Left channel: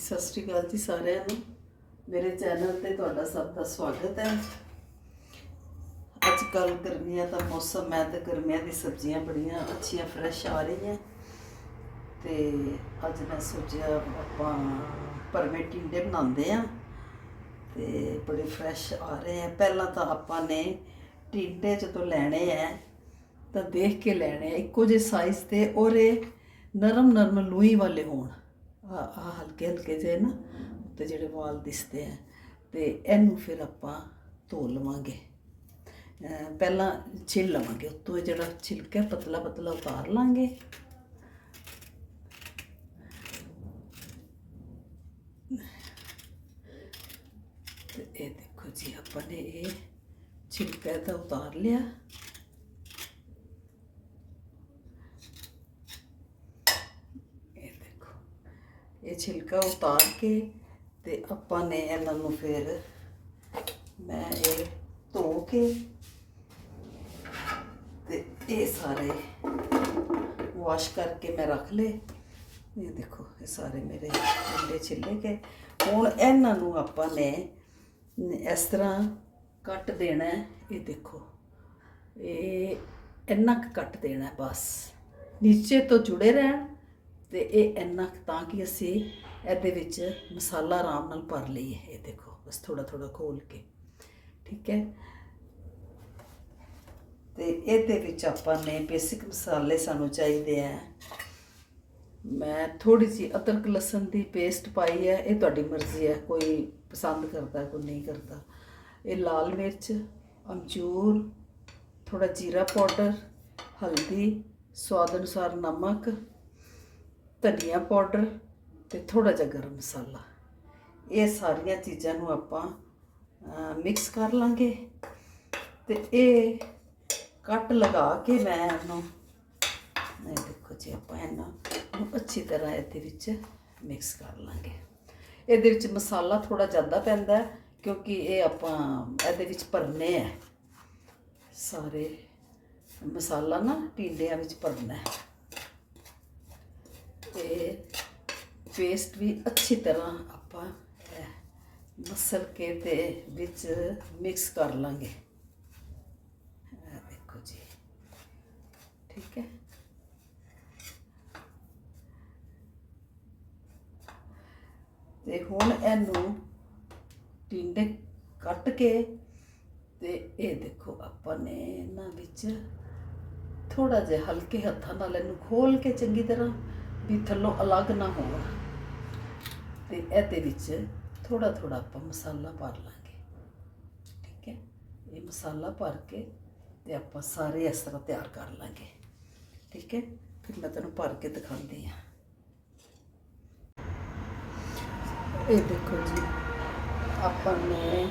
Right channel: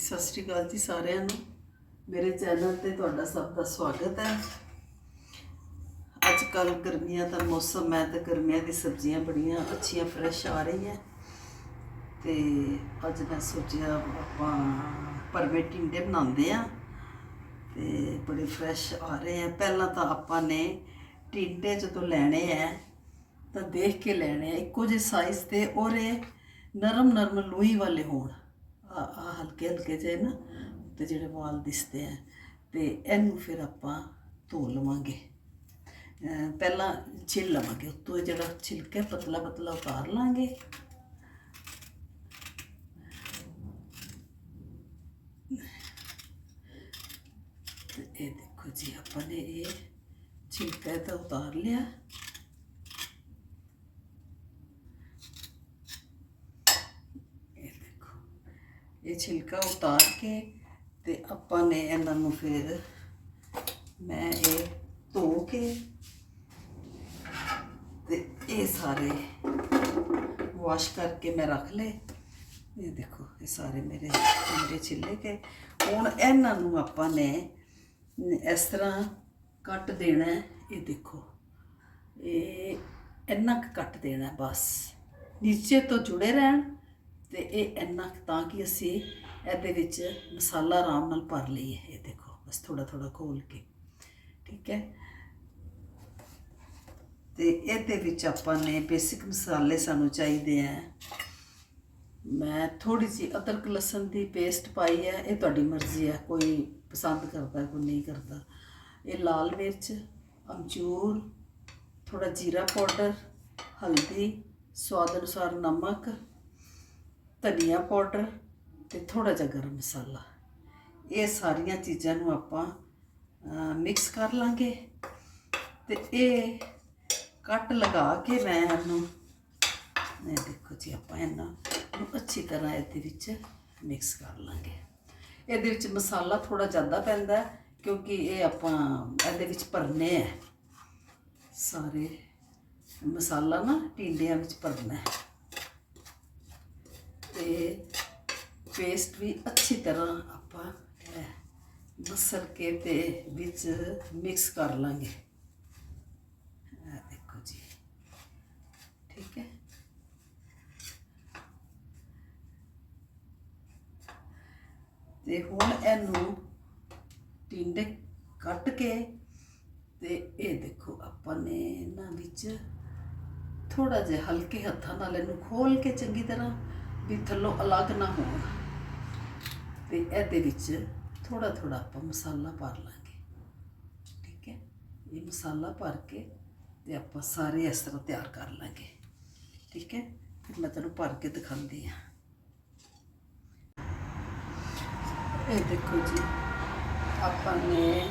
ਸਤਿ ਸ਼੍ਰੀ ਅਕਾਲ ਜੀ ਸਾਰਿਆਂ ਨੂੰ। ਮੇਰੇ ਚੈਨਲ ਤੇ ਤੁਹਾਡਾ ਸਭ ਦਾ ਸਵਾਗਤ ਹੈ। ਅੱਜ ਕੱਲ ਗਰਮੀਆਂ ਦਾ ਮੌਸਮ ਹੈ ਤੇ ਗਰਮੀਆਂ ਦੀ ਸਬਜ਼ੀਆਂ ਬੜੀਆਂ ਅੱਛੀਆਂ ਫਰੈਸ਼ ਆ ਰਹੀਆਂ ਤੇ ਅੱਜ ਮੈਂ ਸੋਚਿਆ ਆਪਾਂ ਪਰਵੇ ਟਿੰਡੇ ਬਣਾਉਂਦੇ ਆ ਤੇ ਬੜੇ ਫਰੈਸ਼ ਆ ਰਹੇ ਆ ਪਹਿਲਾਂ ਤਾਂ ਆਪਾਂ ਨੇ ਟਿੰਡੇ ਜਦੋਂ ਲੈਣੇ ਆ ਤਾਂ ਦੇਖ ਕੇ ਲੈਣੇ ਆ ਇੱਕੋ ਜਿਹੇ ਸਾਈਜ਼ ਤੇ, ਔਰ ਇਹ ਨਰਮ ਨਰਮ ਲੂਈ ਵਾਲੇ ਹੋਣ। ਹਲਕੇ ਹਲਕੇ ਜਿਹੇ ਨਾ, ਤੇ ਜਿਹੜੇ ਵਾਲ ਦਿਸਦੇ ਆ, ਤੇ ਇਹਨੂੰ ਫਿਰ ਆਪਾਂ ਧੋ ਲਵਾਂਗੇ। ਪਹਿਲਾਂ ਛਿਲ ਲਵਾਂਗੇ, ਉੱਤੋਂ ਇਹ ਜਿਹੜਾ ਛਿਲਕਾ ਪਤਲਾ ਪਤਲਾ ਉਤਾਰ ਲਾਂਗੇ। ਤੇ ਇਹ ਦੇਖੋ ਜੀ, ਆਪਾਂ ਨੇ ਇਹ ਛਿਲਕਾ ਤਾਂ ਉਤਾਰ ਲਿਆ ਇਹ ਦੇਖੋ ਇਹ ਛਿਲਕਾ ਉਤਾਰ ਕੇ ਤੇ ਆਪਾਂ ਨੇ ਇਹਨਾਂ ਨੂੰ ਫਿਰ ਮੈਂ ਇਹ ਧੋ ਕੇ ਤੇ ਇਹ ਸਾਰੇ ਵਾਸ਼ ਕਰਕੇ ਮੈਂ ਰੱਖ ਲਏ। ਇਹ ਦੇਖੋ, ਇਹ ਸਾਰੇ ਮੇਰੇ ਟਿੰਡੇ ਛਿੱਲੇ ਕੇ ਹੁਣ ਇਹਨਾਂ ਨੂੰ ਆਪਾਂ ਨੇ ਇਸ ਤਰ੍ਹਾਂ ਕੱਟ ਦੇਣਾ ਇਹ ਦੇਖੋ, ਇਹ ਇੰਨਾ ਕੁ ਕੱਟ ਦੇਣਾ ਬਸ। ਨੀਚੇ ਤੋਂ ਜੁੜੇ ਰਹਿਣ। ਤੇ ਇਹ ਇੰਨਾ ਤਾਂ ਕਿ ਅਸੀਂ ਇਹਦੇ ਵਿੱਚ ਮਸਾਲਾ ਆਰਾਮ ਨਾਲ ਭਰ ਲਈਏ। ਇਹ ਦੇਖੋ, ਬਸ ਥੋੜਾ ਥੋੜਾ ਖੋਲ ਕੇ। ਠੀਕ ਹੈ? ਤੇ ਇਹਦੇ ਵਿੱਚ ਆਪਾਂ ਨੇ ਬੇਸਿਕ ਮਸਾਲੇ ਸਾਨੂੰ ਚਾਹੀਦੇ ਆ। ਮੈਂ ਥੋੜੀ ਜਿਹੀ ਅਦਰਕ ਲਸਣ ਦੀ ਪੇਸਟ ਪਾਈ ਹੈ। ਇਹ ਤੁਹਾਡੀ ਮਰਜ਼ੀ ਹੈ। ਕੋਈ ਪਸੰਦ ਕਰਦਾ, ਕੋਈ ਨਹੀਂ ਕਰਦਾ। ਇਹ ਲਾਲ ਮਿਰਚ, ਅਮਚੂਰ ਥੋੜਾ ਜੀਰਾ ਪਾਊਡਰ, ਹਲਦੀ, ਸਵਾਦ ਅਨੁਸਾਰ ਨਮਕ ਧਨੀਆ ਪਾਊਡਰ ਤੇ ਥੋੜਾ ਜਿਹਾ ਗਰਮ ਮਸਾਲਾ। ਇਹ ਸਾਰੀਆਂ ਚੀਜ਼ਾਂ ਨੂੰ ਆਪਾਂ ਮਿਕਸ ਕਰ ਲਾਂਗੇ ਤੇ ਇਹ ਕੱਟ ਲਗਾ ਕੇ ਮੈਂ ਇਹਨੂੰ, ਇਹ ਦੇਖੋ ਜੀ ਆਪਾਂ ਇਹਨਾਂ ਨੂੰ ਅੱਛੀ ਤਰ੍ਹਾਂ ਇਹਦੇ ਵਿੱਚ ਮਿਕਸ ਕਰ ਲਾਂਗੇ। ਇਹਦੇ ਵਿੱਚ ਮਸਾਲਾ ਥੋੜਾ ਜ਼ਿਆਦਾ ਪੈਂਦਾ ਕਿਉਂਕਿ ਇਹ ਆਪਾਂ ਇਹਦੇ ਵਿੱਚ ਭਰਨੇ ਹੈ। ਸਾਰੇ ਮਸਾਲਾ ਨਾ ਟਿੰਡਿਆਂ ਵਿੱਚ ਭਰਨਾ ਹੈ। ਤੇ ਪੇਸਟ ਵੀ ਅੱਛੀ ਤਰ੍ਹਾਂ ਆਪਾਂ ਮਸਲ ਕੇ ਤੇ ਵਿੱਚ ਮਿਕਸ ਕਰ ਲਾਂਗੇ। ਦੇਖੋ ਜੀ। ਠੀਕ ਹੈ? ਤੇ ਹੁਣ ਇਹਨੂੰ ਟਿੰਡੇ ਕੱਟ ਕੇ ਤੇ ਇਹ ਦੇਖੋ, ਆਪਾਂ ਨੇ ਇਹਨਾਂ ਵਿੱਚ ਥੋੜਾ ਜਿਹਾ ਹਲਕੇ ਹੱਥਾਂ ਨਾਲ ਇਹਨੂੰ ਖੋਲ ਕੇ ਚੰਗੀ ਤਰ੍ਹਾਂ ਵੀ ਥੱਲੋਂ ਅਲੱਗ ਨਾ ਹੋਣ। ਤੇ ਇਹਦੇ ਵਿੱਚ ਥੋੜਾ ਥੋੜਾ ਆਪਾਂ ਮਸਾਲਾ ਭਰ ਲਾਂਗੇ। ਠੀਕ ਹੈ? ਇਹ ਮਸਾਲਾ ਭਰ ਕੇ ਤੇ ਆਪਾਂ ਸਾਰੇ ਇਸ ਤਰ੍ਹਾਂ ਤਿਆਰ ਕਰ ਲਾਂਗੇ। ਠੀਕ ਹੈ? ਫਿਰ ਮੈਂ ਤੁਹਾਨੂੰ ਭਰ ਕੇ ਦਿਖਾਉਂਦੀ ਹਾਂ। ਇਹ ਦੇਖੋ ਜੀ, ਆਪਾਂ ਨੇ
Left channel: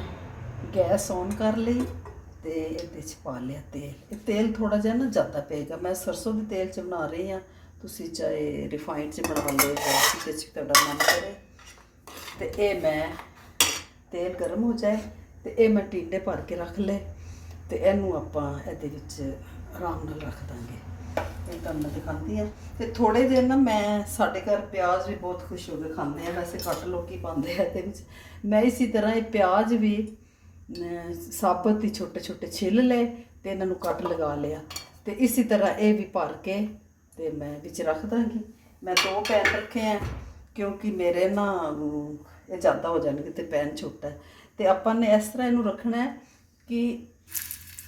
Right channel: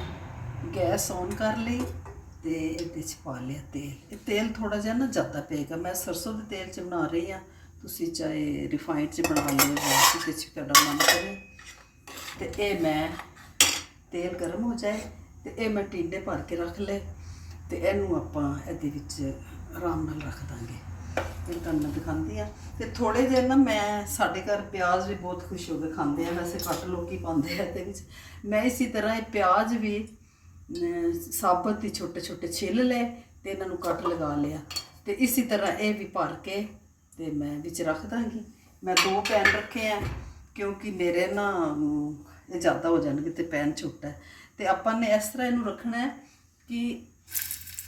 ਗੈਸ ਔਨ ਕਰ ਲਈ ਤੇ ਇਹਦੇ ਚ ਪਾ ਲਿਆ ਤੇਲ। ਇਹ ਤੇਲ ਥੋੜਾ ਜਿਹਾ ਨਾ ਜ਼ਿਆਦਾ ਪਏਗਾ। ਮੈਂ ਸਰਸੋਂ ਦੇ ਤੇਲ ਚ ਬਣਾ ਰਹੀ ਹਾਂ। ਤੁਸੀਂ ਚਾਹੇ ਰਿਫਾਈਨਡ ਚ ਬਣਾ ਲਓ ਜਾਂ ਚ ਤੁਹਾਡਾ ਮਨ ਕਰੇ ਤੇ ਇਹ ਮੈਂ ਤੇਲ ਗਰਮ ਹੋ ਜਾਏ ਤੇ ਇਹ ਮੈਂ ਟਿੰਡੇ ਭਰ ਕੇ ਰੱਖ ਲਏ ਤੇ ਇਹਨੂੰ ਆਪਾਂ ਇਹਦੇ ਵਿੱਚ ਆਰਾਮ ਨਾਲ ਰੱਖ ਦਾਂਗੇ। ਇਹ ਤੁਹਾਨੂੰ ਮੈਂ ਦਿਖਾਉਂਦੀ ਆ ਤੇ ਥੋੜੇ ਜਿਹੇ ਨਾ ਮੈਂ ਸਾਡੇ ਘਰ ਪਿਆਜ਼ ਵੀ ਬਹੁਤ ਖੁਸ਼ ਹੋ ਕੇ ਖਾਂਦੇ ਆ। ਵੈਸੇ ਘੱਟ ਲੋਕੀ ਪਾਉਂਦੇ ਆ ਇਹਦੇ ਵਿੱਚ। ਮੈਂ ਇਸੇ ਤਰ੍ਹਾਂ ਇਹ ਪਿਆਜ਼ ਵੀ ਸਾਬਤ ਹੀ ਛੋਟੇ ਛੋਟੇ ਛਿੱਲ ਲਏ ਤੇ ਇਹਨਾਂ ਨੂੰ ਕੱਟ ਲਗਾ ਲਿਆ। ਤੇ ਇਸੇ ਤਰ੍ਹਾਂ ਇਹ ਵੀ ਭਰ ਕੇ ਤੇ ਮੈਂ ਵਿੱਚ ਰੱਖ ਦਾਂਗੀ। ਮੈਂ ਦੋ ਪੈਨ ਰੱਖੇ ਆ ਕਿਉਂਕਿ ਮੇਰੇ ਨਾ ਇਹ ਜ਼ਿਆਦਾ ਹੋ ਜਾਣਗੇ ਤੇ ਪੈਨ ਛੋਟਾ ਹੈ। ਤੇ ਆਪਾਂ ਨੇ ਇਸ ਤਰ੍ਹਾਂ ਇਹਨੂੰ ਰੱਖਣਾ ਹੈ ਕਿ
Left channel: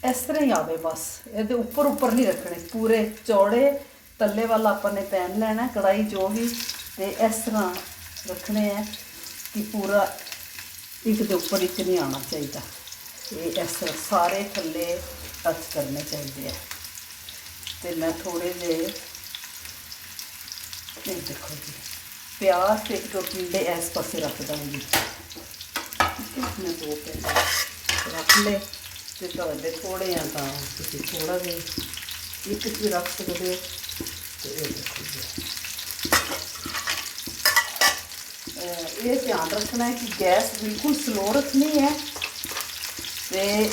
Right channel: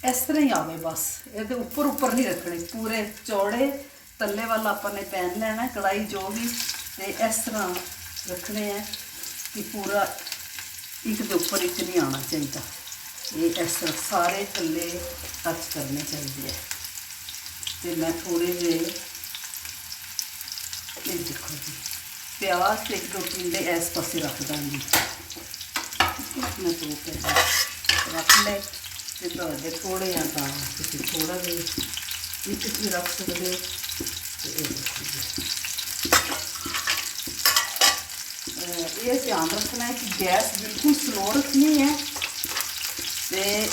ਇਸ ਤਰ੍ਹਾਂ ਹੀ ਆਵੇ ਬਸ। ਇਹਦੇ ਉੱਪਰ ਉੱਪਰ ਨਹੀਂ ਰੱਖਣੇ ਪੂਰੇ ਚੌੜੇ ਤੱਲੇ ਵਾਲਾ ਆਪਾਂ ਨੇ ਪੈਨ ਲੈਣਾ ਹੈ, ਕੜਾਈ ਜੋ ਵੀ ਤੇ ਇਸ ਤਰ੍ਹਾਂ ਰੱਖਣੇ ਆ ਕਿ ਪੂਰਾ ਇੱਕ ਦੇ ਉੱਪਰ ਇੱਕ ਨਹੀਂ ਆਉਣਾ ਚਾਹੀਦਾ। ਇਹ ਇਸ ਤਰ੍ਹਾਂ ਸਾਰੇ ਥੱਲੇ ਟੱਚ ਕਰਨੇ ਚਾਹੀਦੇ ਆ। ਤੇ ਮੈਂ ਥੋੜੇ ਜਿਹੇ ਇਹ ਦੇਖੋ ਜੀ ਪਿਆਜ਼ ਤੇ ਇੱਕ ਦੋ ਟਿੰਡੇ ਇਸ ਪਾਸੇ ਰੱਖ ਦਾਂਗੀ ਮੈਂ ਦੋ ਪੈਸੇ ਰੱਖ ਲੈ ਤੇ ਤੁਹਾਡੇ ਕੋੜੇ ਆ ਤਾਂ ਤੁਸੀਂ ਥੋੜਾ ਜਿਹਾ ਇੱਕ ਵੀ ਰੱਖ ਸਕਦੇ ਹੋ ਤੇ ਇਹ ਦੇਖੋ ਜੀ ਇਹ ਧਿਆਨ ਰੱਖਣਾ ਹੈ ਕਿ ਗੈਸ ਬਿਲਕੁਲ ਸਲੋ ਰੱਖਣੀ ਹੈ ਤੇ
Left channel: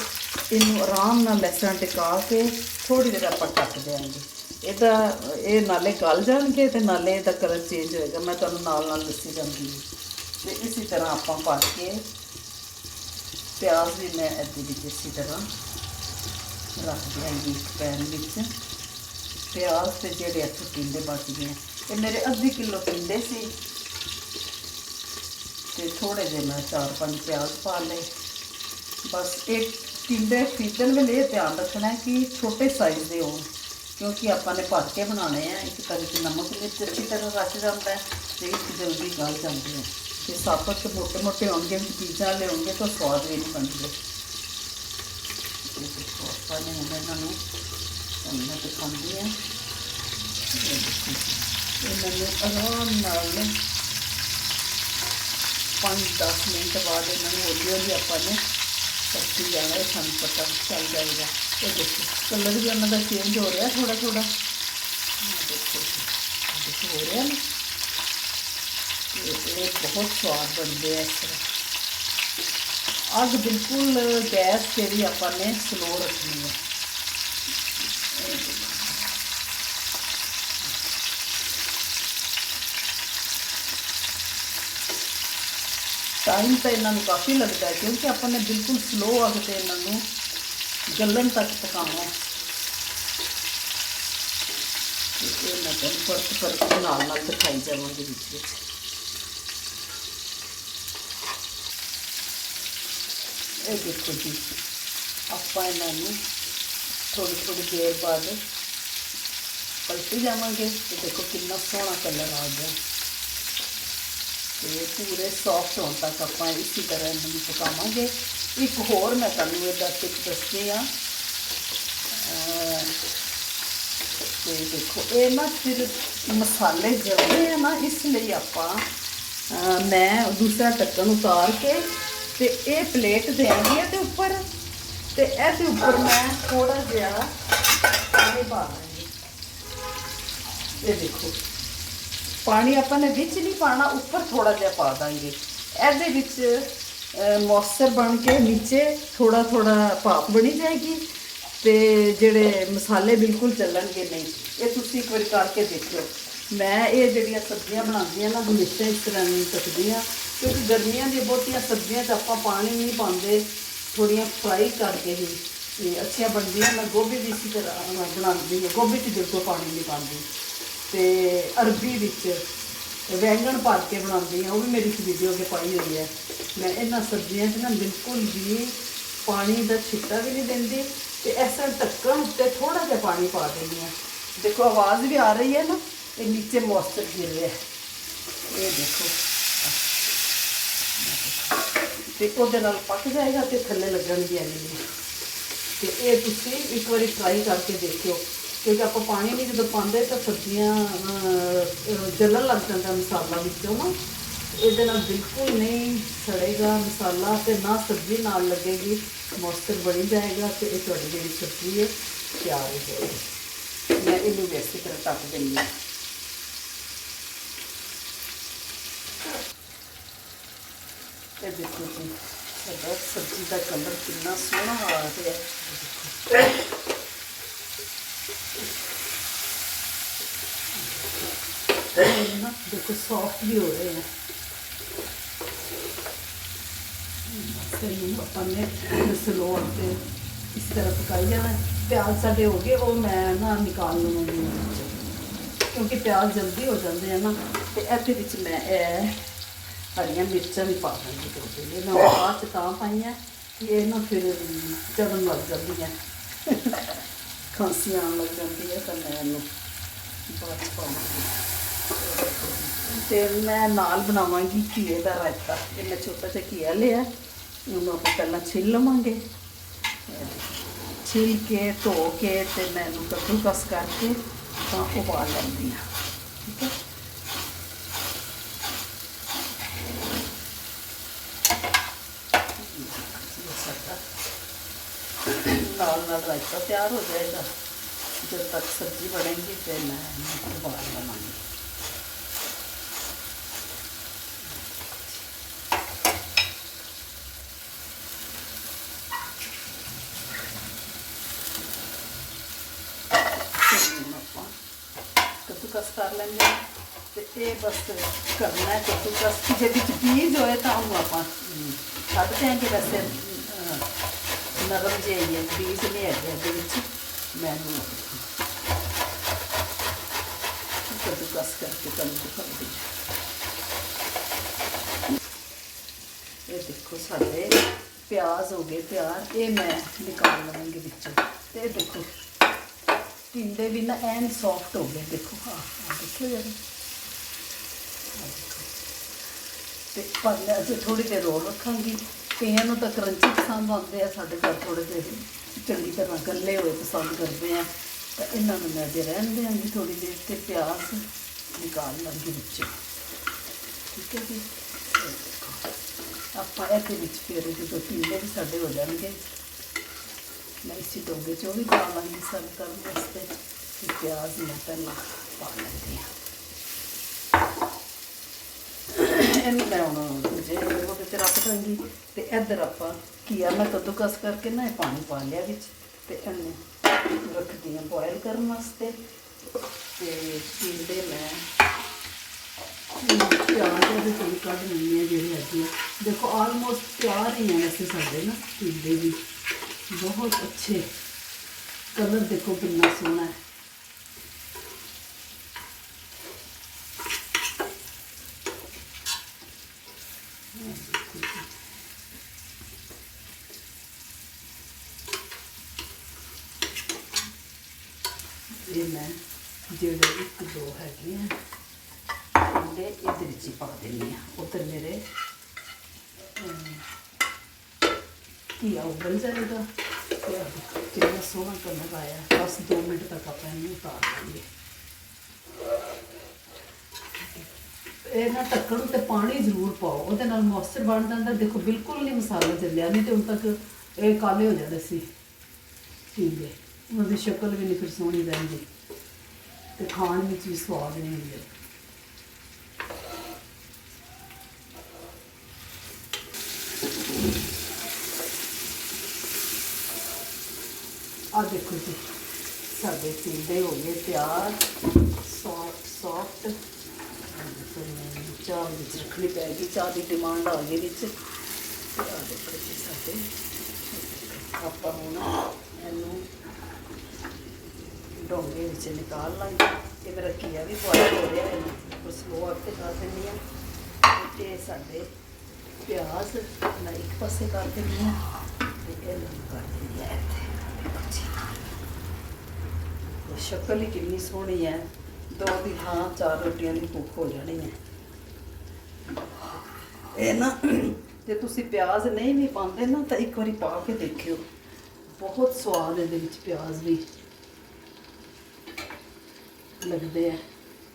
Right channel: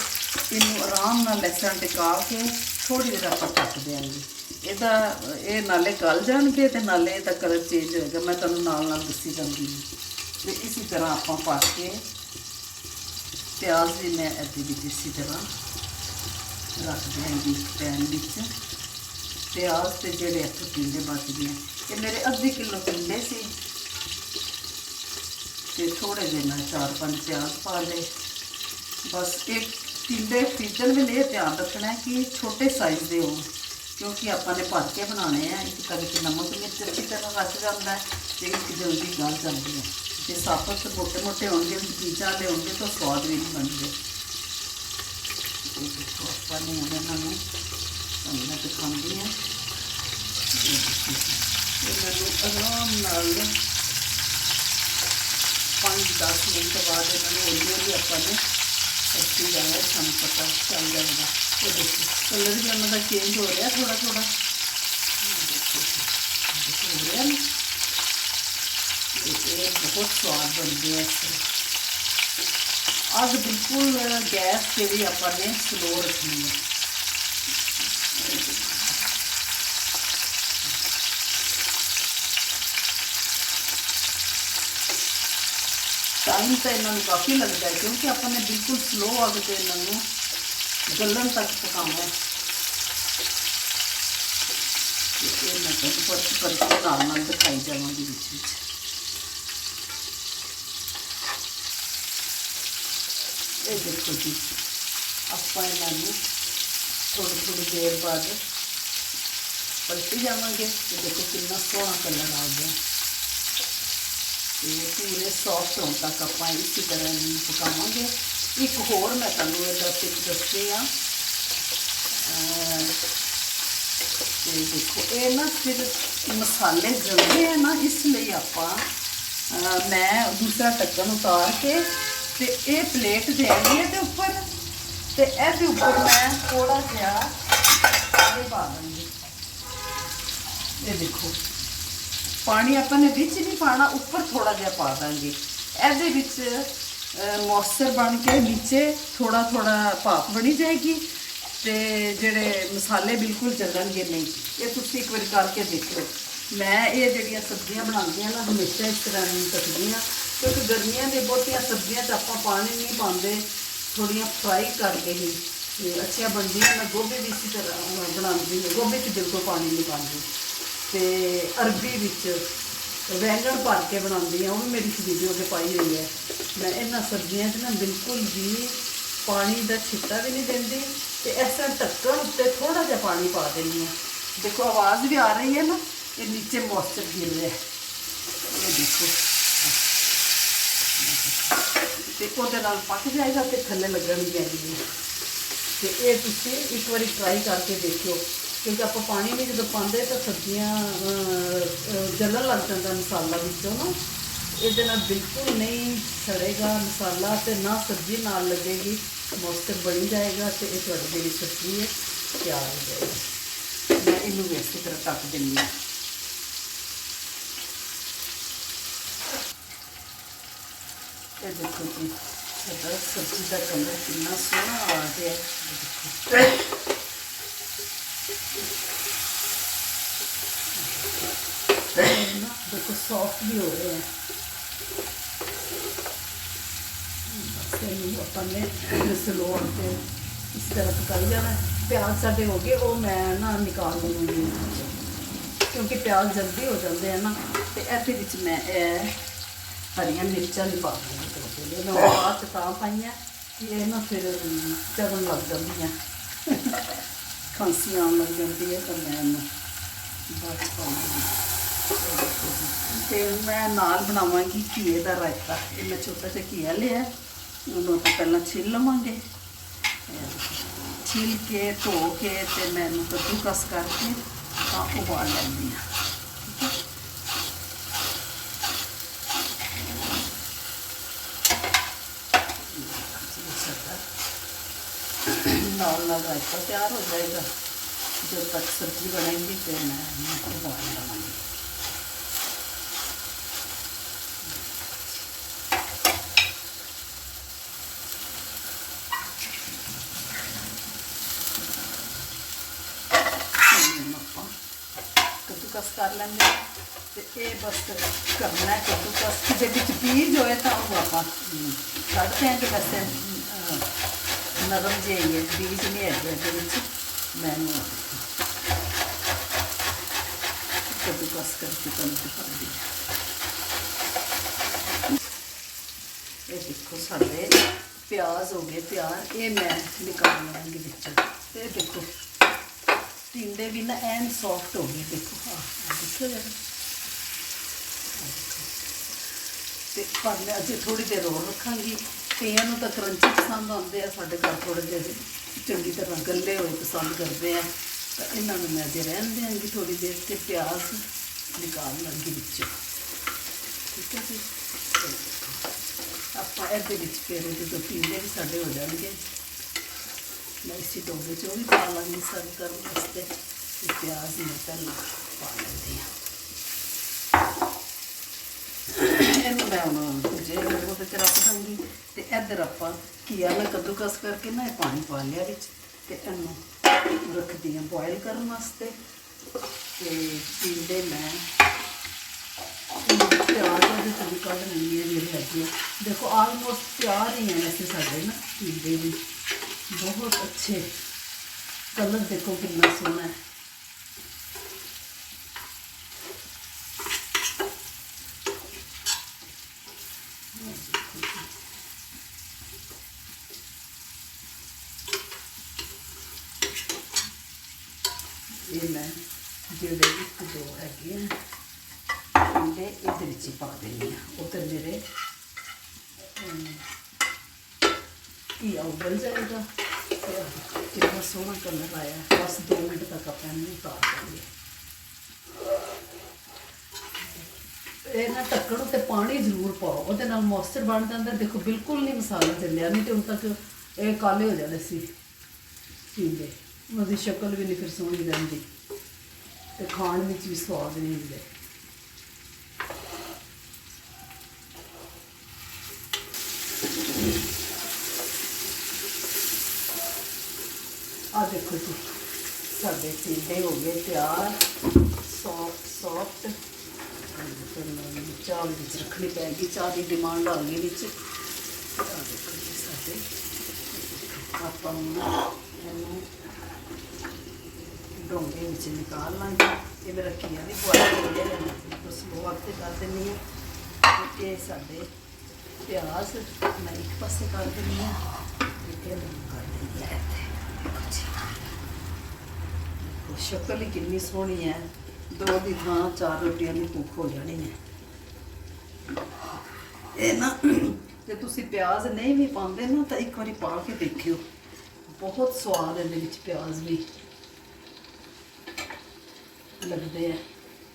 ਇਹਨੂੰ ਆਰਾਮ ਨਾਲ ਲਸਣ ਟਿਕਾ ਕੇ ਥੋੜੀ ਦੇਰ ਆਪਾਂ ਢੱਕ ਦਿਆਂਗੇ ਇਹਦਾ ਇਹ ਨਾਲੇ ਗਲ ਜਾਣਗੇ ਤੇ ਨਾਲੇ ਇਹਦਾ ਕਲਰ ਚੇਂਜ ਹੋਏਗਾ। ਮੈਂ ਤੁਹਾਨੂੰ ਨਾਲ ਨਾਲ ਦੱਸੀ ਜਾਂਦੀ ਹਾਂ। ਤੇ ਇਸੇ ਤਰ੍ਹਾਂ ਆਪਾਂ ਪਾ ਕੇ ਪਿਆਜ਼ ਵੀ ਮੈਂ ਅੱਧੀ ਵਿੱਚ ਇਸੇ ਤਰ੍ਹਾਂ ਰੱਖ ਦਿਆਂਗੀ ਇੱਕ ਪੈਨ ਵਿੱਚ। ਪਿਆਜ਼ ਤੇ ਜਿਹੜੇ ਇੱਥੇ ਟਿੰਡੇ ਬਚ ਗਏ ਇਹ ਮੇਰੇ ਅੱਧੀ ਕਿਲੋ ਟਿੰਡੇ ਸੀ। ਤੇ ਥੋੜੇ ਜਿਹੇ ਮੈਂ ਚਾਰ ਪੰਜ ਪਿਆਜ਼ ਪਾ ਲਏ। ਬਸ ਇੱਕ ਟਿੰਡੇ ਖਰੀਦਣ ਵੇਲੇ ਇਹ ਧਿਆਨ ਰੱਖਣਾ ਹੈ ਕਿ ਛੋਟੇ ਸਾਈਜ਼ ਦੇ ਹੋਣ। ਕਿਉਂਕਿ ਆਪਾਂ ਨੇ ਭਰ ਕੇ ਬਣਾਉਣੇ ਆ, ਇੱਕ ਕਦੇ ਤੇ ਨਮਕ ਵਿੱਚ ਅੱਛੀ ਤਰ੍ਹਾਂ ਰਚ ਜਾਂਦਾ ਹੈ ਤੇ ਇੱਕ ਜਲਦੀ ਗਲ ਜਾਂਦੀ ਹੈ। ਤੇ ਸਾਪਤ ਮੋਟੇ ਮੋਟੇ ਹੋਣਗੇ ਪੀਜ਼ਾ ਵਾਲੇ ਹੋਣਗੇ ਤਾਂ ਸਵਾਦ ਵੀ ਨਹੀਂ ਬਣਦੇ। ਇਹ ਦੇਖੋ ਆਪਾਂ ਨੇ ਇਹਨਾਂ ਨੂੰ ਉਹਨਾਂ ਤੇ ਖਾਂਦੇ ਆ ਇਹਨਾਂ ਨੂੰ ਆਰਾਮ ਨਾਲ ਪੰਜ 10 ਮਿੰਟ ਬਾਅਦ ਇਹਨਾਂ ਨੂੰ ਹੌਲੀ ਹੌਲੀ ਆਪਾਂ ਨੇ ਸਬਜ਼ੀ ਜਾਣਾ ਸਾਨੂੰ ਪਤਾ ਚੱਲ ਜਾਏਗਾ। ਇਹ ਦੇਖੋ ਕਲਰ ਵੀ ਇਹਨਾਂ ਦਾ ਚੇਂਜ ਹੋ ਰਿਹਾ ਥੋੜਾ ਥੋੜਾ ਦੇਖੋ ਦੇਖੋ ਹੋ ਰਿਹਾ ਨਾ ਇਹ ਇਹ ਬਹੁਤ ਸਵਾਦ ਬਣਦੇ ਆ ਇਸ ਤਰ੍ਹਾਂ ਅੱਗ ਬਿਲਕੁਲ ਗੈਸ ਜਿਹੜੀ ਆਪਾਂ ਨੇ ਸਲੋ ਰੱਖਣੀ ਹੈ ਟਾਈਮ ਤਾਂ ਇਹਨਾਂ ਨੂੰ ਕਾਫੀ ਲੱਗਦਾ ਹੈ ਕਿਉਂਕਿ ਆਪਾਂ ਨੇ ਬਿਲਕੁਲ ਸਲੋ ਅੱਗ ਤੇ ਇਹਨਾਂ ਨੂੰ ਗਲਣ ਤੱਕ ਪਕਾਉਣਾ ਹੈ ਤੇ ਇਹ ਮੈਂ ਤੁਹਾਨੂੰ ਫ਼ਰਕ ਫ਼ਰਕ ਨਾਲ ਨਾਲ ਦਿਖਾਈ ਜਾਵਾਂਗੀ ਵਿੱਚ ਇਹ ਦੇਖੋ ਜੀ, ਆਪਾਂ ਇਹਨਾਂ ਨੂੰ ਥੋੜੀ ਥੋੜੀ ਦੇਰ ਬਾਅਦ ਪਲਟੀ ਜਾਵਾਂਗੇ। ਤੇ ਦੇਖੋ ਕਿੰਨਾ ਸੋਹਣਾ ਕਲਰ ਆ ਗਿਆ। ਤੇ ਪੂਰੇ ਸੌਫਟ ਹੋਣ ਤੱਕ ਆਪਾਂ ਇਸੇ ਤਰ੍ਹਾਂ ਇਹਨਾਂ ਨੂੰ ਪਕਾਵਾਂਗੇ। ਇੱਕ ਹੋਰ ਮੈਂ ਤੁਹਾਨੂੰ ਇਹਦਾ ਟਿਪ ਦੱਸਦੀ ਆ ਤੇ ਦੇਖੋ, ਇਹ ਨਾ ਫਿਰ ਮਸਾਲੇ ਜਲਦੇ ਆ ਨਾ, ਇਸ ਲਈ ਆਪਾਂ ਮੈਂ ਦੂਸਰਾ ਢੱਕਣ ਉਤਾਰ ਕੇ ਤੇ ਇਹ ਪਲੇਟ ਦੇਣੀ ਹੈ ਤੇ ਉੱਪਰ। ਤੇ ਇਹਦੇ ਉੱਪਰ ਮੈਂ ਥੋੜਾ ਜਿਹਾ ਇਹ ਪਾ ਦਾਂਗੀ ਇਹ ਦੇਖੋ, ਪਾਣੀ ਆਪਾਂ ਨੇ ਵਿੱਚ ਨਹੀਂ ਪਾਣਾ ਉੱਪਰ ਥੋੜਾ ਜਿਹਾ ਪਾ ਦਾਂਗੇ। ਇਹਦੇ ਵਿੱਚ ਮੌਸਰ ਬਣ ਕੇ ਨੀਚੇ ਥੋੜਾ ਥੋੜਾ ਭਾਪ ਬਣੀ ਜਾਏਗੀ ਤੇ ਜਿਹੜੇ ਮਸਾਲੇ ਬਿਲਕੁਲ ਚੱਲਣਗੇ ਨਹੀਂ। ਇਹ ਤੁਸੀਂ ਇੱਕ ਵਾਰੀ ਕਰਕੇ ਦੇਖੋ ਮੈਂ ਇਹ ਜਿਹੜੀਆਂ ਸਬਜ਼ੀਆਂ ਬਣਾਉਂਦੀ ਹਾਂ ਨਾ, ਹਮੇਸ਼ਾ ਇਸ ਤਰ੍ਹਾਂ ਨਹੀਂ ਕੱਟਦੀ ਹਾਂ, ਕਿਉਂਕਿ ਗਰਮੀਆਂ ਦੇ ਬਹੁਤੀਆਂ ਸਬਜ਼ੀਆਂ 'ਚ ਆਪਾਂ ਪਾਣੀ ਨਹੀਂ ਪਾਉਂਦੇ ਥੋੜੀਆਂ ਫਰਾਈ ਕਰਕੇ ਹੀ ਇਹ ਅੱਛੀਆਂ ਬਣਦੀਆਂ ਮੈਂ ਗੋਭੀ ਵੀ ਇਸੇ ਤਰ੍ਹਾਂ ਬਣਾਉਂਦੀ ਹਾਂ। ਗੋਭੀ 'ਚ ਬਿਲਕੁਲ ਪਾਣੀ ਨਹੀਂ ਪਾਉਂਦੀ। ਤੇ ਅਰਬੀ ਵਿੱਚ ਵੈਂਗਣ ਭਰ ਕੇ ਬਣਾਉਂਦੀ ਆ ਉਹ ਵੀ ਮੇਰੀ ਵੀਡੀਓ ਤੇ ਪਾਈ ਹੋਈ ਹੈ। ਮੈਂ ਇਹਨਾਂ ਸਬਜ਼ੀਆਂ 'ਚ ਨਾ ਬਿਲਕੁਲ ਵੀ ਪਾਣੀ ਦਾ ਛਿੱਟਾ ਵੀ ਨਹੀਂ ਦਿੰਦੀ ਤੇ ਇਸ ਤਰ੍ਹਾਂ ਢੱਕਣ ਉੱਤੇ ਥੋੜਾ ਜਿਹਾ ਪਾਣੀ ਪਾ ਦਿੰਦੀ ਹਾਂ। ਦੇਖੋ, ਆਵਾਜ਼ ਵੀ ਆ ਰਹੀ ਹੈ ਨਾ, ਇਹ ਨੀਚੇ ਮੋਇਸਚਰ ਗਿਰ ਰਿਹਾ ਹੈ। ਇਹ ਦੇਖੋ। ਤੇ ਉਹਦੇ ਨਾਲ ਪੱਕ ਜਾਏਗਾ ਤੇ ਥੱਲੇ ਲੱਗਣਗੀਆਂ ਨਹੀਂ। ਤੇ ਇਹ ਤੁਸੀਂ ਇੱਕ ਵਾਰੀ ਟਰਾਈ ਕਰਕੇ ਦੇਖਿਓ। ਕਿਉਂਕਿ ਆਪਾਂ ਪਾਣੀ ਨਹੀਂ ਜਦੋਂ ਪਾਉਂਦੇ ਤਾਂ ਸਬਜ਼ੀਆਂ ਜਲਣ ਲੱਗ ਜਾਂਦਾ ਮਸਾਲਾ ਵਿੱਚੋਂ ਨਾ। ਇਹਦੇ ਨਾਲ ਬਿਲਕੁਲ ਨਹੀਂ ਸੜੇਗਾ ਮਸਾਲਾ ਤੇ ਨਾ ਸਬਜ਼ੀ ਨਾਲ ਲੱਗੇਗੀ। ਮੋਸਟਰ ਬਣੀ ਜਾਏਗਾ ਤੇ ਇਹ ਤੁਹਾਡੀ ਜਿਹੜੀ ਸਬਜ਼ੀ ਹੈ, ਤਿਆਰ ਹੋ ਜਾਏਗੀ। ਮੈਂ ਇਹਨੂੰ ਵੀ ਇਸੇ ਤਰ੍ਹਾਂ ਕੱਟ ਦਿੰਦੀ ਹਾਂ। ਇਹ ਦੇਖੋ ਜੀ ਸਾਡਾ ਸਬਜ਼ੀ ਦਾ ਕਲਰ ਕਿੰਨਾ ਸੋਹਣਾ ਆ ਗਿਆ। ਹੈ ਦੇਖੋ। ਸੌਫਟ ਵੀ ਹੋ ਰਹੇ ਹੈ ਬਸ ਆਪਾਂ ਨੇ ਸਲੋ ਤੇ ਇਸ ਤਰ੍ਹਾਂ ਪਕਾਈ ਜਾਣਾ ਪਿਆਜ਼ ਸਾਡੇ ਹੋ ਗਏ ਉਹ ਮੈਂ ਨਾ ਨਿਕਾਲ ਲਵਾਂਗੀ ਕਿਉਂਕਿ ਪਿਆਜ਼ ਜਲਦੀ ਹੋ ਜਾਂਦੇ ਆ ਨਾ ਤੇ ਇਹਦੇ ਵਿੱਚ ਮੈਂ ਇਹ ਹਰੀਆਂ ਮਿਰਚਾਂ ਵੀ ਪਾ ਦਿੰਦੀ ਥੋੜ੍ਹੀ ਜਿਹੀ ਮੈਂ ਬਾਅਦ ਚ ਤਾਂ ਪਾਈਆਂ ਕਿ ਇਹ ਨਾ ਫਿਰ ਚੜਨ ਲੱਗ ਜਾਂਦੀਆਂ ਖਾਂਸੀ ਆਉਣ ਲੱਗ ਜਾਂਦੀ ਹੈ ਤਾਂ ਮੈਂ ਇਹਨੂੰ ਬਾਅਦ ਚ ਪਾਉਂਗੀ ਤੇ ਮੈਂ ਨਾਲ ਬਣਾਵਾਂਗੀ ਘੀਏ ਦਾ ਰਾਇਤਾ। ਇਹ ਮੈਂ ਛੋਟਾ ਜਿਹਾ ਘੀਆ ਲਿਆ। ਉਹਨੂੰ ਆਪਾਂ ਪਹਿਲਾਂ ਛਿੱਲ ਲਵਾਂਗੇ ਛਿੱਲ ਕੇ ਧੋ ਕੇ ਤੇ ਮੈਂ ਇਹਨੂੰ ਕੱਦੂਕਸ ਕਰਕੇ ਤਾਂ ਉਬਾਲ ਲੈਂਦੀ ਹਾਂ ਠੀਕ ਹੈ ਨਾਲ ਨਾਲ ਰਾਇਤਾ ਤਿਆਰ ਹੋ ਜਾਏਗਾ जब तक सब्जी बढ़ेगी फिर मैं मटर उबाल बनाऊंगी ਕੱਦੂਕਸ ਕਰ ਲੈਂਦੇ ਹਾਂ ਤੇ ਇਹ ਬਸ ਕਰਨਾ ਹੈ ਕਿ ਜੇ ਵਿੱਚ ਬੀਜ ਹੋਏ ਤਾਂ ਉਹਨੂੰ ਆਪਾਂ ਕੱਢ ਦਿਆਂਗੇ ਵੈਸੇ ਨਰਮ ਜਿਹੇ ਹੀ ਬੀਜ ਨਹੀਂ ਹੈਗੇ ਇਹਦੇ ਵਿੱਚ ਮੈਨੂੰ ਕਦੋਂ ਕਰਕੇ ਤੁਹਾਨੂੰ ਦਿਖਾਉਂਦੀ ਇਹ ਦੇਖੋ ਸਾਡੇ ਪਿਆਜ਼ ਹੋ ਗਏ ਤਿਆਰ, ਇਹ ਮੈਂ ਨਿਕਾਲ ਲਵਾਂਗੀ ਵਿੱਚੋਂ। ਇਹ ਦੇਖੋ। ਟਿੰਡੇ ਵੀ ਨਾ ਐਨ ਸੌਫਟ ਹੋ ਗਏ, ਦੇਖੋ। ਹਾਂ ਆਹ ਦੇਖੋ ਜਰਾ ਤੇ ਪਰ ਅਜੇ ਥੋੜੀ ਦੇਰ ਹੋਰ ਰੱਖਾਂਗੀ। ਕਈਆਂ ਨੂੰ ਤਾਂ ਕਰੰਚੀ ਪਸੰਦ ਆਉਂਦੇ ਆ, ਸਾਡੇ ਘਰ ਥੋੜੇ ਜਿਹੇ ਚੰਗੀ ਤਰ੍ਹਾਂ ਗੱਲੇ ਹੋਏ ਪਸੰਦ ਕਰਦੇ ਆ। ਤਾਂ ਇਹਨਾਂ ਨੂੰ ਮੈਂ ਅਜੇ ਰਹਿਣ ਦਿਆਂਗੀ ਥੋੜੀ ਦੇਰ ਤੇ ਪਿਆਜ਼ ਨਿਕਾਲ ਲਾਂਗੀ ਵਿੱਚੋਂ। ਠੀਕ ਹੈ ਜੀ? ਆਪਾਂ ਇਹਦੇ ਵਿੱਚ ਫਿਰ ਜਦੋਂ ਟਿੰਡੇ ਵੀ ਸਾਡੇ ਹੋ ਜਾਣਗੇ। ਮੈਂ ਇਸੇ ਟੋਬੇ 'ਚ ਉਹ ਵੀ ਪਾ ਲਾਂਗੀ ਸਰਵ ਕਰਨ ਵਾਸਤੇ ਤੇ ਪਿਆਜ਼ ਮੈਂ ਪਾ ਲੈਂਦੀ ਹਾਂ। ਇਹਨੂੰ ਮੈਂ ਹੁਣ ਜੇ ਉਹਦੇ ਤੇ ਰੱਖ ਦਾਂਗੀ ਤੇ ਇੱਧਰ ਆਪਾਂ ਕੀਆ ਮੈਂ ਕੱਦੂਕਸ ਕਰਕੇ ਨਾ ਇਹ ਪਾਣੀ ਪਾ ਲਿਆ ਵਿੱਚ ਤੇ ਇਹਨੂੰ ਰੱਖਦੀ ਹਾਂ ਬੋਇਲ ਕਰਨ ਵਾਸਤੇ। ਤੇ ਟਿੰਡੇ ਮੈਂ ਪਿਆਜ਼ ਦੀ ਥੋੜੀ ਕੱਢ ਨਹੀਂ ਹੈ ਜਿਹੜੀ ਹੈਗੀ ਆ ਦੇਖੋ ਆਲਮੋਸਟ ਤਿਆਰ ਹੀ ਹੈ ਵੈਸੇ ਸਾਡੇ ਨਾ ਟਿੰਡੇ ਵੀ। ਬਹੁਤ ਅੱਛੇ ਕਲਰ ਦੇਖੋ ਕਿੰਨਾ ਸੋਹਣਾ ਹੈ। ਇਹ ਮੈਂ ਜਿਹੜੇ ਇੱਕ ਦੋ ਹੈਗੇ ਨੇ ਇਹਦੇ ਇਹਦੇ ਵਿੱਚ ਹੀ ਪਾ ਦੇਣੀ ਆ ਉਧਰ ਮੇਰੇ ਕੀ ਉਬਲ ਜਾਏਗਾ? ਤੇ ਆਹ ਕਿੰਨਾ ਸੋਹਣਾ ਕਲਰ ਆਇਆ, ਬਸ 2 ਮਿੰਟ ਤੱਕ ਆਪਾਂ ਇਹਨੂੰ ਉਤਾਰ ਦਾਂਗੇ ਇਹ ਨਾ ਢੱਕਣ ਉੱਤੇ ਪਾਣੀ ਜ਼ਰੂਰ ਪਾਓ, ਉਹਦੇ ਨਾਲ ਮੋਇਸਚਰ ਬਣ ਜਾਂਦਾ। ਦੇਖੋ, ਬਿਲਕੁਲ ਨਹੀਂ ਮਸਾਲਾ ਚੱਲਿਆ, ਨਹੀਂ ਤੇ ਹੁਣ ਤੱਕ ਇਹ ਕਾਲੇ ਹੋ ਜਾਂਦੇ ਸੀ। ਠੀਕ ਹੈ, ਉਹਦੀ ਸ਼ਕਲ ਵੀ ਨਹੀਂ ਫਿਰ ਸੋਹਣੀ ਰਹਿੰਦੀ। ਤੇ ਖਾਣ ਵਿੱਚ ਵੀ ਸਵਾਦ ਨਹੀਂ ਹੁੰਦੇ। ਆ ਦੇਖੋ ਜੀ, ਸਾਡੇ ਟਿੰਡੇ ਹੋ ਗਏ ਤਿਆਰ ਸੌਫਟ ਸੌਫਟ ਚਾਹ ਵਿੱਚ ਰੱਖਣੀ ਪੈਗੀ, ਚਾਹ ਦੀ ਡਿਮਾਂਡ ਆ ਗਈ ਵਿੱਚ। ਆ ਦੇਖੋ ਜੀ ਸਾਡੇ। ਆਪਾਂ ਹੁਣ ਇਹਨੂੰ ਡੋਂਗੇ ਵਿੱਚ ਨਿਕਾਲ ਲਾਂਗੇ। ਇਹ ਮੇਰਾ ਕੀਆ ਵੀ ਬੁਆਇਲ ਹੋ ਰਿਹਾ ਹੈ ਉਸ ਨੂੰ ਤੇ ਕਰ ਦਿੰਦੀ ਹਾਂ। ਤੇ ਇਹ ਸਾਡੇ ਪਿਆਜ਼ ਮੈਂ ਇੱਕ ਪਾਸੇ ਕਰ ਦਿੰਦੀ ਹਾਂ, ਤੇ ਇਹ ਕਰ ਦਿੰਦੀ ਹਾਂ ਇੱਥੇ। ਸ਼ਕਲ ਹੀ ਕਿੰਨੀ ਸੋਹਣੀ ਹੈ। ਦੋ ਦੀ ਥਾਂ, ਚਾਰ ਰੋਟੀਆਂ ਦੀ ਭੁੱਖ ਹੋ ਜਾਣੀ ਹੈ। ਇਹ ਨਾ, ਜੇ ਤੁਸੀਂ ਪਿਆਜ਼ ਨਹੀਂ ਵੀ ਪਾਉਂਦੇ ਨਾ, ਤਾਂ ਇੱਕ ਵਾਰੀ ਪਾ ਕੇ ਦੇਖਿਓ। ਬਹੁਤ ਸਵਾਦ ਇਹਦੇ ਵਿੱਚ ਪਿਆਜ਼ ਵੀ। ਲੱਗਦੇ ਆ,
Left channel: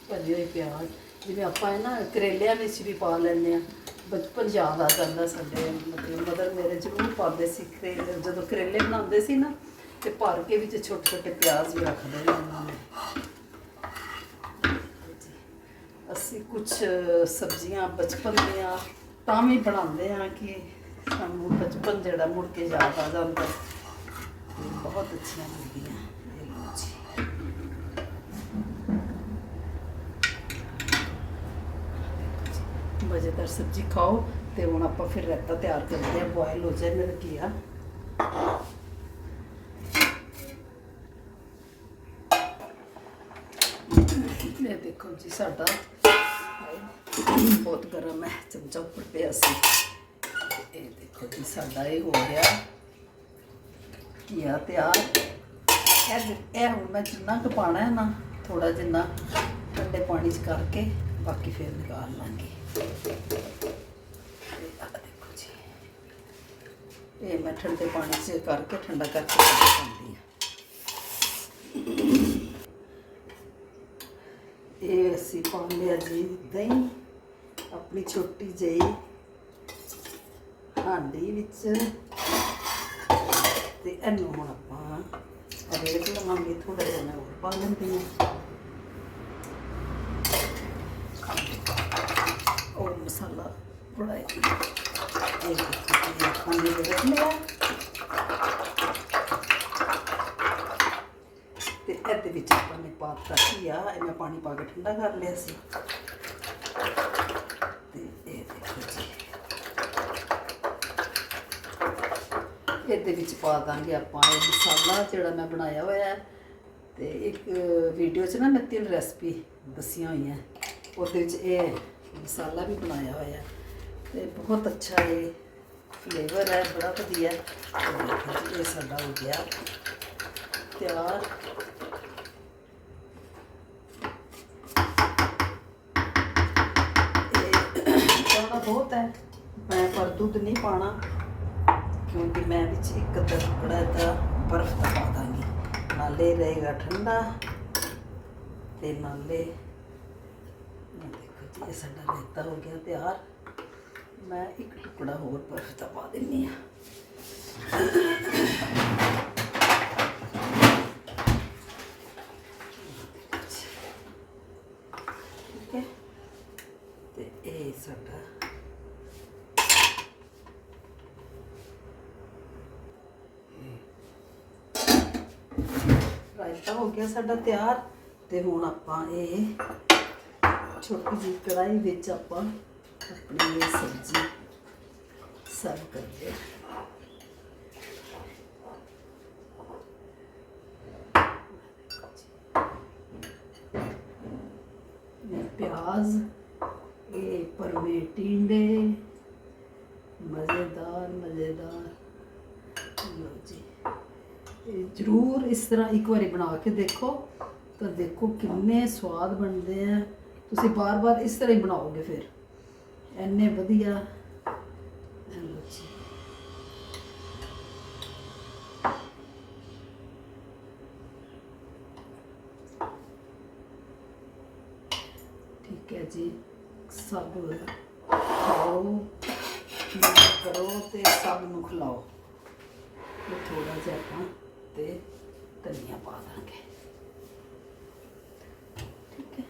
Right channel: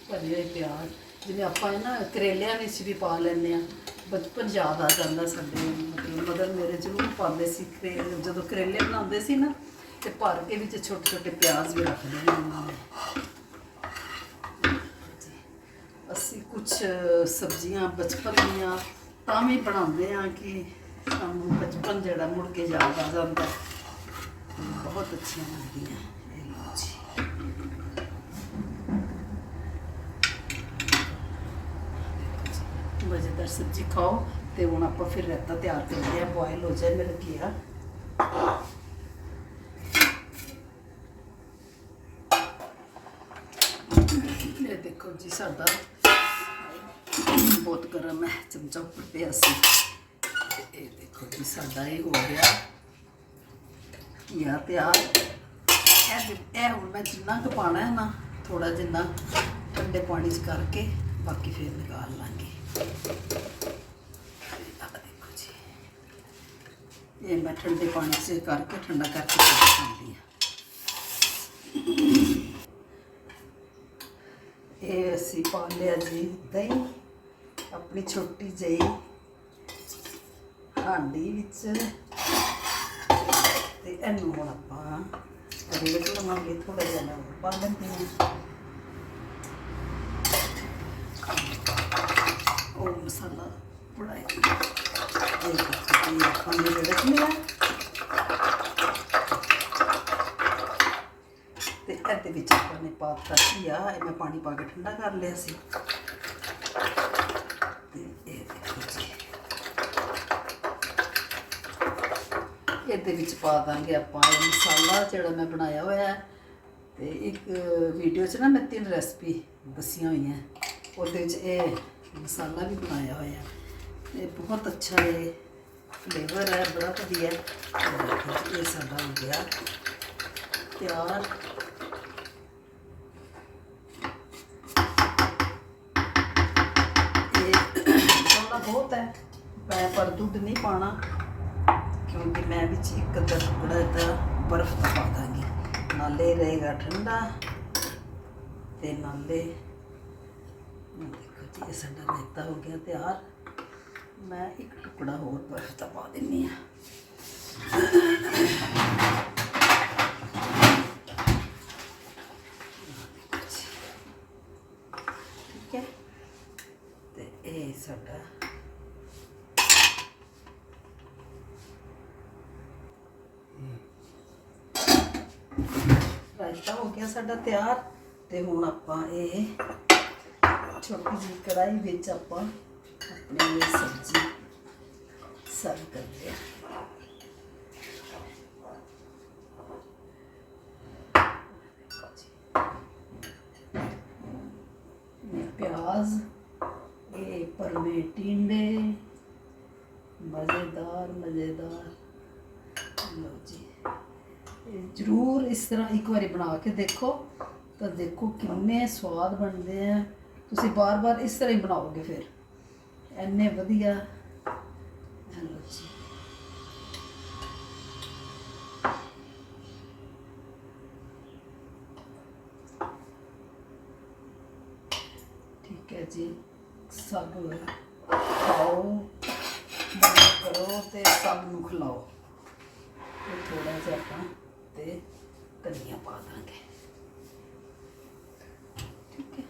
ਭਰੇ ਹੋਏ ਪਿਆਜ਼। ਜਿਵੇਂ ਆਪਾਂ ਇਹ ਨਾ ਕਰੇਲਿਆਂ ਵਿੱਚ ਵੀ ਪਾ ਲੈਂਦੇ ਆ ਬਚਪਨ ਯਾਦ ਆ ਜਾਂਦਾ ਸਾਡੇ। ਮਤਲਬ ਮਦਰ ਮੇਰੇ ਜ਼ਰੂਰ ਪਾਉਂਦੇ ਸੀ ਕਰੇਲੇ, ਜਦੋਂ ਕਰੇਲੇ ਬਣਾਉਂਦੇ ਸੀ ਨਾ ਤੇ ਭਰ ਕੇ ਵਿੱਚ ਛੋਟੇ ਛੋਟੇ ਪਿਆਜ਼ ਵੀ ਰੱਖਦੇ ਨੇ ਉਹਨਾਂ ਨੇ ਅਸੀਂ ਕੁਝ ਸਬਜ਼ੀਆਂ ਬਚਪਨ ਦੀਆਂ ਤਾਂ ਵੀ ਬਣਾਉਂਦੇ ਆ ਕਿ ਸਾਨੂੰ ਬਚਪਨ ਜਿਹੜਾ ਮੁੜ ਕੇ ਯਾਦ ਆ ਜਾਂਦਾ। ਬਹੁਤ ਅੱਛੀਆਂ ਲੱਗਦੀਆਂ। ਇਹ ਲਓ ਜੀ। ਮਜ਼ੇਦਾਰ ਸਬਜ਼ੀ ਖਾਓ ਤੇ ਹੁਣ ਆਪਾਂ ਫਿਰ ਰਾਇਤਾ ਤਿਆਰ ਕਰਦੇ ਆ ਬੋਇਲ ਹੋ ਜਾਏ ਮੇਰਾ ਕੀਆ ਇਹ ਦੇਖੋ ਜੀ ਸਾਡਾ ਬਹੁਤ ਗਰਮ ਹੈ ਚਮਚਾ ਉੱਪਰ ਪਿਆ ਸੀ ਇਹ ਦੇਖੋ ਜੀ ਸਾਡਾ ਇਹ ਹੋ ਗਿਆ ਘੀਆ ਤਿਆਰ ਇਹ ਇਹ ਹੁਣ ਮੈਂ ਜਿੰਨਾ ਕੁ ਪਾਣਾ ਹੈ ਨਾ ਥੋੜਾ ਜਿੰਨਾ ਠੰਡੇ ਪਾਣੀ 'ਚ ਕਰਕੇ ਬਾਕੀ ਫਿਰ ਨਿਕਾਲ ਲਾਂਗੇ ਦੇਖੋ ਜੀ ਇਹ ਮੈਂ ਠੰਡੇ ਪਾਣੀ 'ਚ ਕਰਕੇ ਠੰਡਾ ਕਰਕੇ ਪਾਉਂਦੀ ਹਾਂ ਇਹ ਅਸੀਂ ਪਾ ਲਿਆ ਜੀ ਦਹੀਂ, ਆਪਣੀ ਛੋਟੀ ਜਿਹੀ ਹਾਂਡੀ ਵਿੱਚ। ਤੇ ਇਹਨੂੰ ਹੁਣ ਆਪਾਂ ਰੇਤ ਲਵਾਂਗੇ ਥੋੜਾ ਜਿਹਾ ਨਾ ਹੋਰ ਪਾ ਲੈਂਦੇ ਹਾਂ। ਉਹ ਮਸਾਲਾ ਥੋੜਾ ਇਹ ਆਪਾਂ ਨੇ ਰੇਟ ਮਿਲਾ ਤੇ ਇਹਦੇ ਵਿੱਚ ਆਪਾਂ ਨੇ ਪਾ ਪਾਤਾ ਘੀਆ, ਇਹ ਮੈਂ ਪਾਣੀ ਪਾ ਕੇ ਠੰਡਾ ਕਰ ਲਿਆ ਸੀ। ਤੇ ਇਹ ਦੇਖੋ ਜੀ। ਇਹਦੇ ਵਿੱਚ ਪਾ ਦਾਂਗੇ ਆਪਾਂ ਇਹ ਮਸਾਲਾ ਜਿਹੜਾ ਮੈਂ ਬਣਾਇਆ ਹੋਇਆ ਹੈ। ਤੇ ਇੱਕ ਵੀਡੀਓ 'ਚ ਨਾ ਮੈਂ ਤਿੰਨ ਰੈਸਪੀ ਦੱਸੀਆਂ ਹੋਈਆਂ। ਉਹਦੇ ਵਿੱਚ ਇਹ ਮਸਾਲਾ ਵੀ ਬਣਾਇਆ ਹੋਇਆ। ਤੇ ਬਹੁਤ ਅੱਛਾ ਇਹ ਫਲੇਵਰ ਹੈ, ਬੜਾ ਵਧੀਆ। ਇਹ ਸਾਡਾ ਹੋ ਗਿਆ ਤਿਆਰ। ਬਹੁਤ ਹੈ। ਮੈਂ ਪਰ ਦੁੱਧ ਨਹੀਂ ਪਾਣਾ, ਕਿਉਂਕਿ ਮੈਂ ਵਿੱਚ ਇੱਕ ਅੱਧਾ ਟੁਕੜਾ ਇਹਦਾ ਬਰਫ਼ ਦਾ ਪਾ ਦਾਂਗੀ। ਨਾਲੇ ਰਹੇਗਾ ਠੰਡਾ ਤੇ ਨਾਲੇ ਦੇਖੋ ਜੀ, ਇਹ ਸਾਡਾ ਰਾਇਤਾ ਹੋ ਗਿਆ ਤਿਆਰ। ਮੈਂ ਇੱਕ ਟੁਕੜਾ ਹੋਰ ਬਰਫ਼ ਦਾ ਪਾ ਦਿੰਨੀ ਆ। ਠੀਕ ਹੈ। ਤੇ ਇਹ ਸਾਡਾ ਰਾਇਤਾ ਹੋ ਗਿਆ ਸਾਡਾ ਤਿਆਰ ਤੇ ਹੁਣ ਆਪਾਂ ਇਹ ਛੋਟੀ ਜਿਹੀ ਕੜਾਈ ਵਿੱਚ ਆਪਾਂ ਆਪਣੀ ਇਹ ਸਬਜ਼ੀ ਸਰਵ ਕਰਦੇ ਹਾਂ। ਇਹ ਪਿਆਜ਼, ਇਹ ਪਰਮੇ ਟਿੰਡੇ ਮਜ਼ੇਦਾਰ ਮਜ਼ੇਦਾਰ। ਲਓ ਜੀ। ਜ਼ਰੂਰ ਇਸ ਤਰ੍ਹਾਂ ਇੱਕ ਵਾਰੀ ਬਣਾ ਕੇ ਦੇਖੋ, ਤਾਂ ਦੇਖੋ ਕਿੰਨੇ ਸਵਾਦ ਬਣਦੇ ਆ। ਤੁਸੀਂ ਬਾਰ-ਬਾਰ ਇਸ ਤਰ੍ਹਾਂ ਹੀ ਬਣਾਓਗੇ ਫਿਰ। ਐਨੇ ਵਧੀਆ। ਇਹ ਜੀ। ਠੀਕ ਹੈ ਜੀ। ਸਭ ਖਾਓ ਕਰੋ ਤੇ ਸਭ ਨੂੰ ਖਿਲਾਓ। ਤੇ ਥੋੜਾ ਜਿਹਾ ਆਪਾਂ ਤੇ ਧਨੀਆ ਪਾ ਦਾਂਗੇ। ਠੀਕ ਹੈ।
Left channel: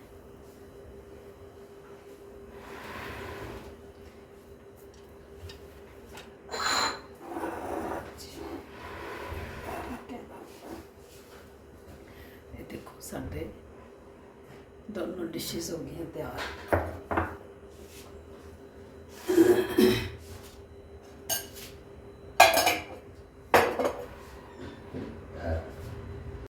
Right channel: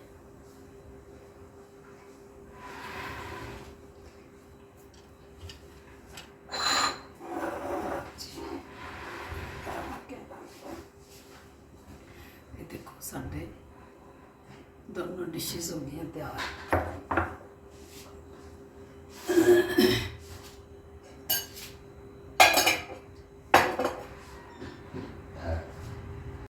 ਇਹ ਦੇਖੋ ਸਾਡੇ ਦੋਨੋਂ ਡਿਸ਼ਸ ਹੋ ਗਈਆਂ ਤਿਆਰ।